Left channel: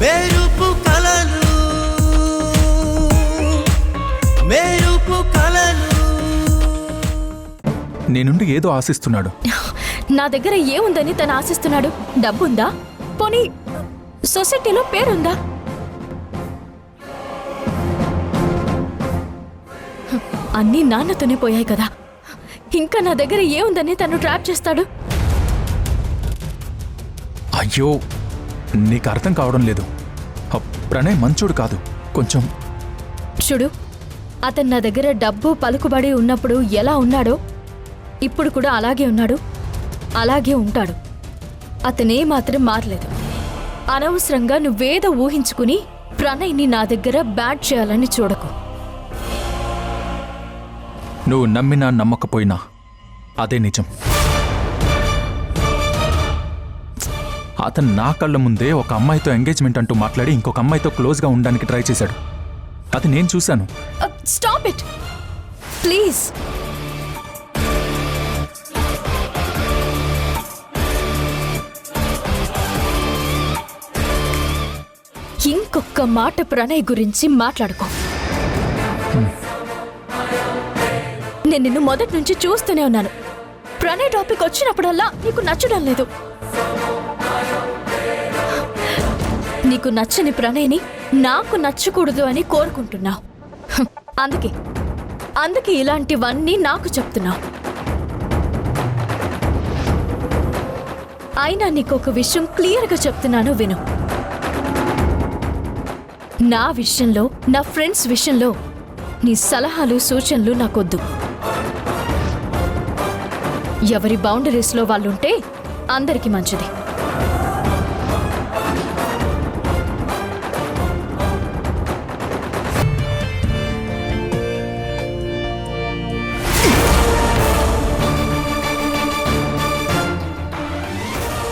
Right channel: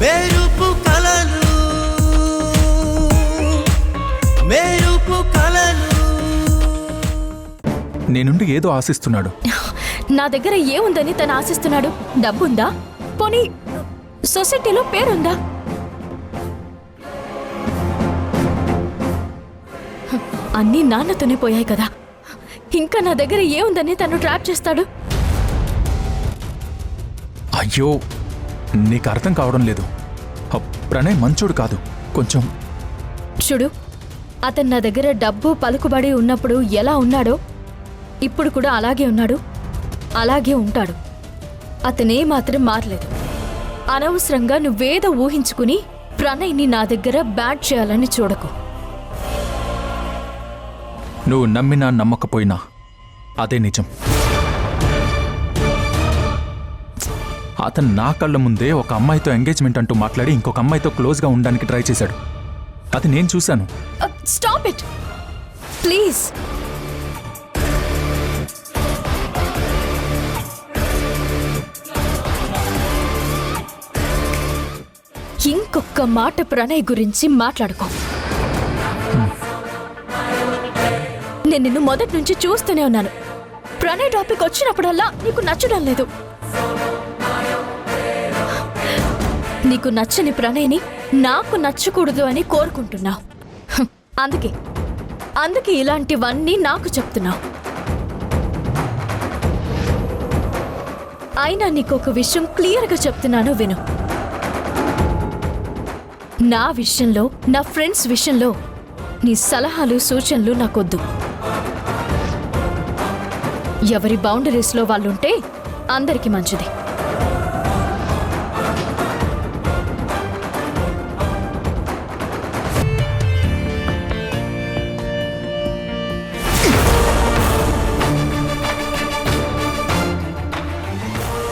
మెరుపు కలలు మెరుపు కలలు. నీ నుండి ఏదో ఆశిస్తున్నాడు. నా దగ్గర ఏముందని తను ఆశిస్తున్నాడు? డబ్బుందా? పోనీ సొసైటీలో పేరుందా? అన్నీ నాన్నతోనే పోయాయి కదా, ఇంకా నా దగ్గర ఏముందని తను ట్రాప్ చేస్తాడు? అయ్యో, నీకు అర్థం కావడం లేదు. ప్రణయ్ మంచోడు కాదు. కొంచెం చూడు, అతను నా దగ్గర డబ్బు పలుకుబడి ఉన్నప్పుడు ఎలా ఉన్నాడో ఇప్పుడు కూడా అలాగే ఉన్నాడు, అలాగే ఉంటాడు. అతనే మాత్రం మారలేదు. అనవసరంగా నువ్వేదో ఊహించుకుని ప్రణయ్ని నా దగ్గర బ్యాట్ చేయాలని చూడకు. నువ్వు నమ్మినా నమ్మకపోయినా అదే నిజం. అతను నా కళ్ళ ముందే ఒక అమ్మాయితో ఎంగేజ్మెంట్ అంటూ మాట్లాడి ఇంకొక అమ్మాయితో క్లోజ్గా ఉండడానికి ట్రై చేశాడు. అది నేను చూశాను. Stop it please. ఇంకొక మాట ప్రణయ్ గురించి మాట్లాడుకో. నేను నిన్ను మొదటి నుంచి చూస్తూనే ఉన్నాను. ప్రణయ్ టాపిక్ వచ్చినప్పుడల్లా నీకు నచ్చడం లేదు. నీకు నచ్చని ప్రణయ్ని నాకు నచ్చకూడదు అని కోరుకుంటున్నావు. అందుకే ఇలాంటివన్నీ నాకు చెప్తున్నావు. అయినా నీకొక విషయం క్లియర్గా చెప్తున్నాను, విను. నా విషయంలో, నా ఫ్రెండ్స్ విషయంలో నీ సలహాలు సూచనలు నాకొద్దు. ఎవరి బౌండరీస్లో వాళ్ళుంటే అందరికీ మంచిది.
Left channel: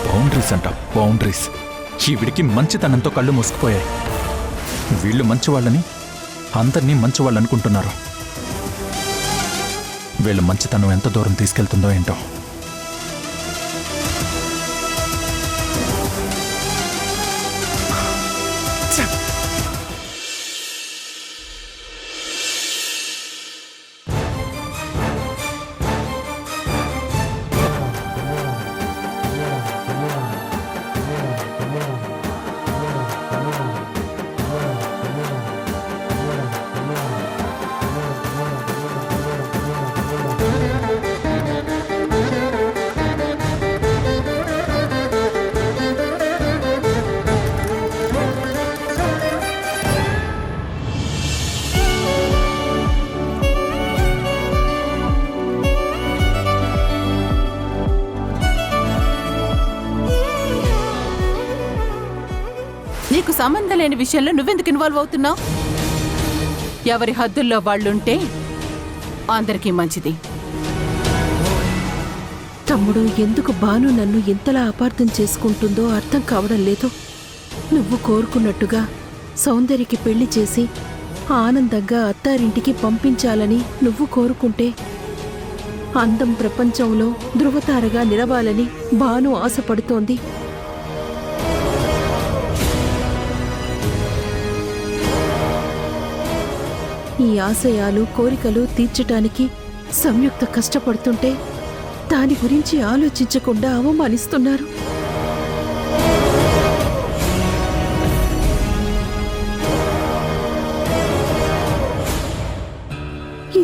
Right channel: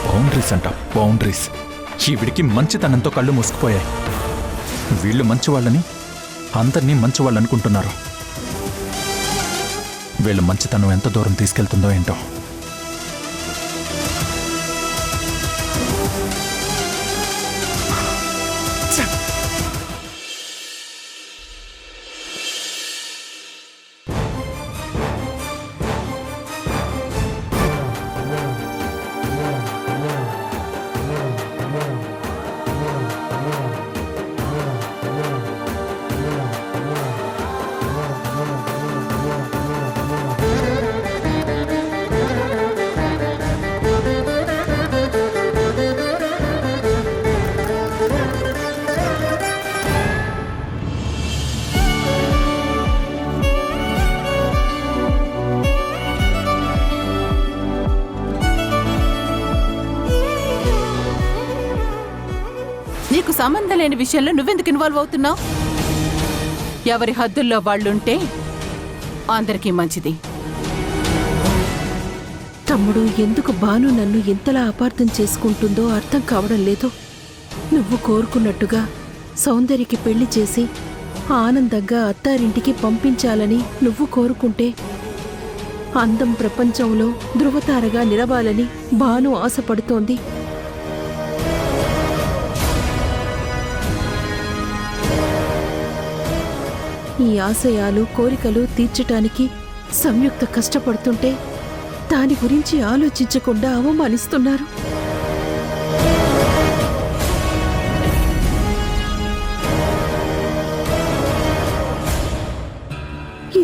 బౌండరీస్ అంట, బౌండరీస్. ఈవిడికి మంచితనంతో కళ్ళు మూసుకుపోయాయి. వీళ్ళు మంచివాళ్ళని అందరినీ మంచివాళ్ళు అనుకుంటున్నారు. వీళ్ళ మంచితనం ఎంత దూరం తీసుకెళ్తుందో ఏంటో. నీకు సంబంధం లేని విషయంలో నువ్వెందుకు ఇన్వాల్వ్ అవుతున్నావు? ఎవరి హద్దుల్లో వాళ్ళుంటే అందరికీ మంచిది. తమ్ముడు, ఎందుకు భాను నన్ను ఎంతలా అపార్థం చేసుకుంటుందో అర్థం కావడం లేదు. నువ్వు కోరుకున్నట్టుగా సౌందర్యకి పెళ్లి చేసి ఆనందంగా అత్తారింటికి పంపించాలని నువ్వు కోరుకుంటే, అందం ప్రపంచంలో ధృవతారగా నిలవాలని భాను ఆశపడుతోంది. ఈ ఆశయాలు కోరికలు తీర్చటానికి సంయుక్త కష్టపడుతుంటే దాని గురించి ఆలోచించకుండా అవమానిస్తున్నారు.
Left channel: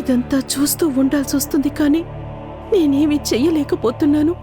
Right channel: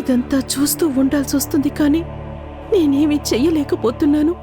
ఇదంతా చూస్తూ ఉండాల్సి వస్తుంది, కానీ నేనేమీ చెయ్యలేకపోతున్నాను.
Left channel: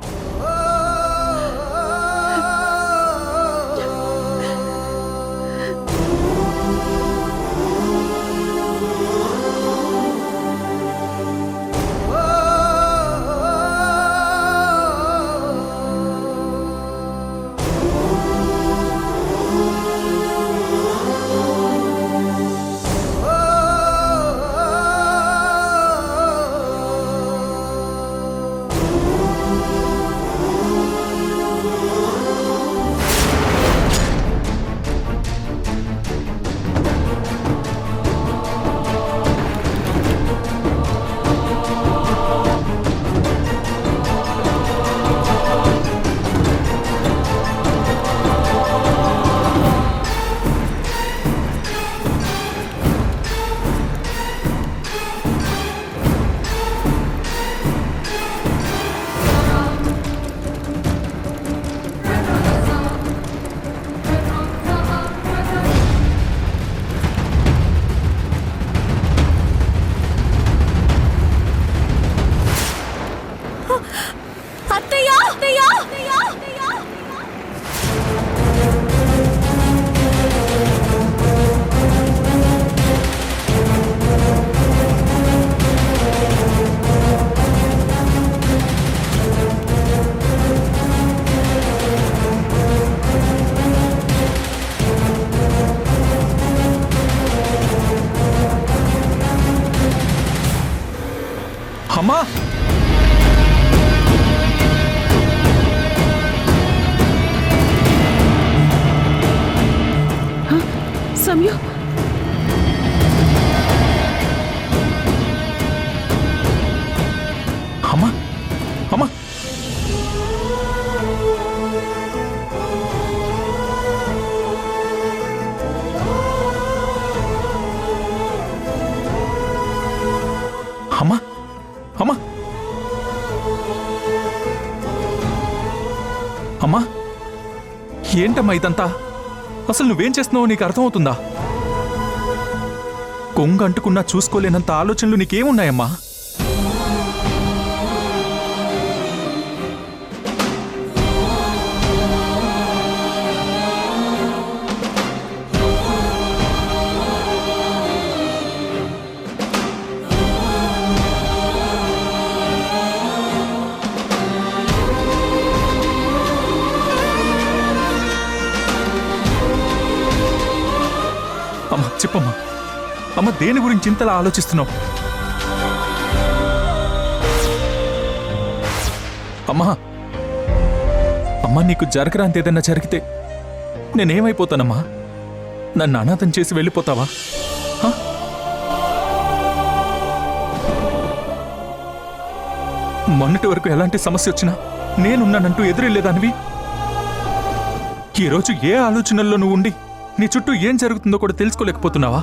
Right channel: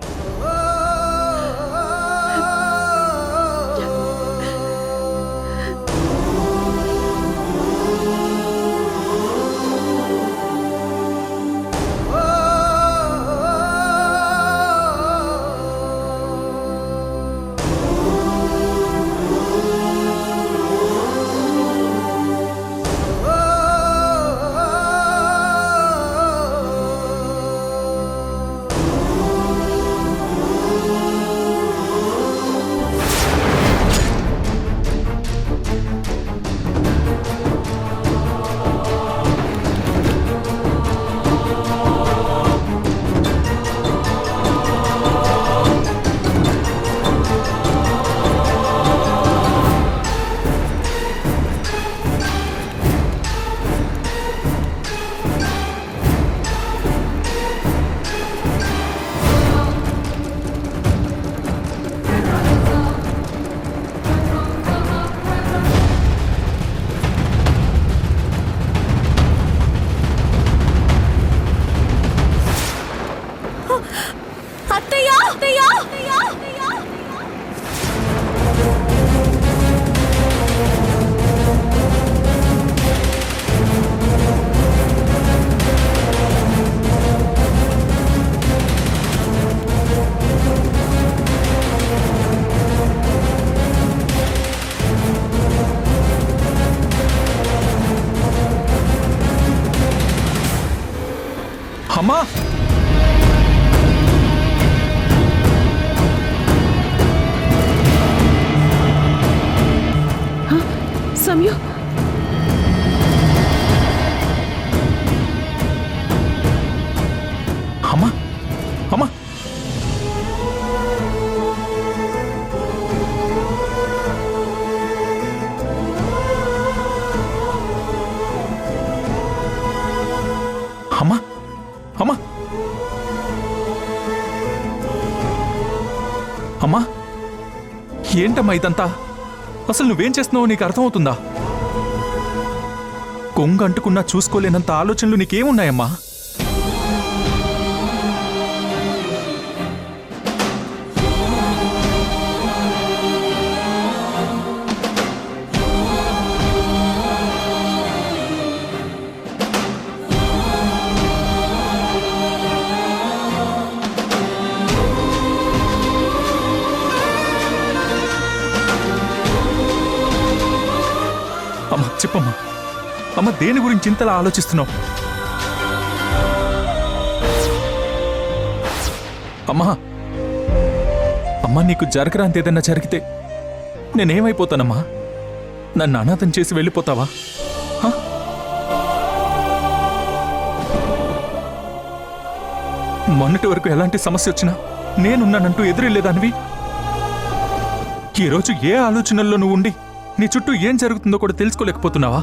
అమ్మా సమయం అమ్మా అమ్మా అమ్మా అమ్మా అమ్మా ఏంటమ్మా ఇదంతా? అసలు నువ్వేం చేస్తున్నావో నీకు అర్థమవుతుందా? కొంగ అంటుకున్నా చూసుకోలేనంత ఆలోచనలు నీకేమున్నాయమ్మా? అమ్మా చెప్పమ్మా, అమ్మ దేని గురించి ఇంతలా ఆలోచిస్తున్నావు? అమ్మా అమ్మా నీకు జరగరాంతి ఏదన్నా జరిగితే నేనేమైపోతానమ్మా? నన్ను అనాథం చేసి వెళ్ళిపోతావా? హ? మొన్నటి వరకు ఎలాంటి సమస్య వచ్చినా నేనున్నానంటూ ఎదురెళ్ళేదానివి ఈరోజు ఏ ఆలోచనల్లో నువ్వు ఉండి నీ చుట్టూ ఏం జరుగుతుందో కూడా తెలుసుకోలేకపోతున్నావా?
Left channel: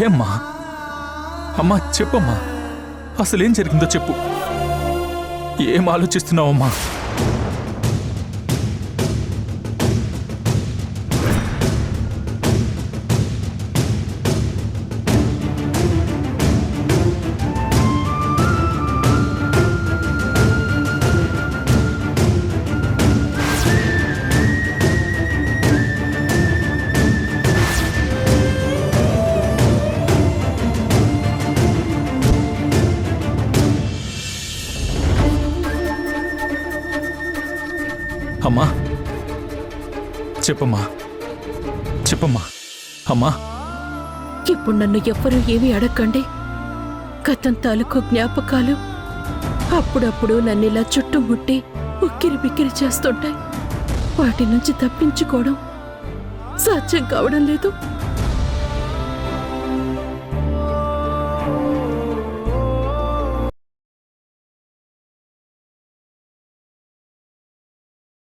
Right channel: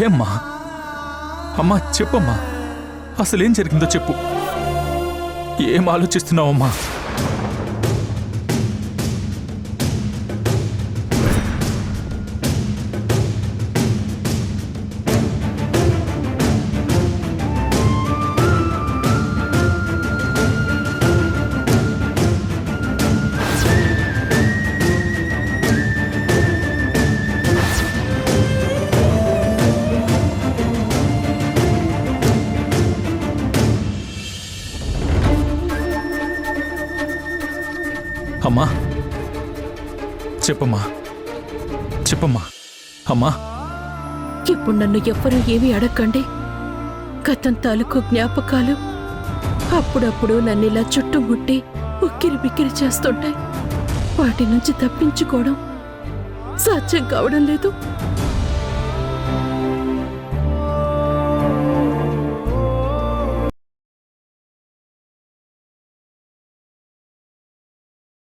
ఏమ్మా అమ్మా చెప్పమ్మా, అసలేం జరిగిందో చెప్పు. ఏం ఆలోచిస్తున్నావమ్మా? అమ్మా చెప్పమ్మా చెప్పమ్మా అమ్మా. ఇప్పుడు నన్ను ఎవ్వరూ ఏమీ అడగండి. గతం తాలూకు జ్ఞాపకాలు అప్పుడప్పుడు నన్నిలా చుట్టుముట్టి ఉక్కిరి బిక్కిరి చేస్తుంటాయి. వాటి నుంచి తప్పించుకోవడం సాధ్యం కావడం లేదు.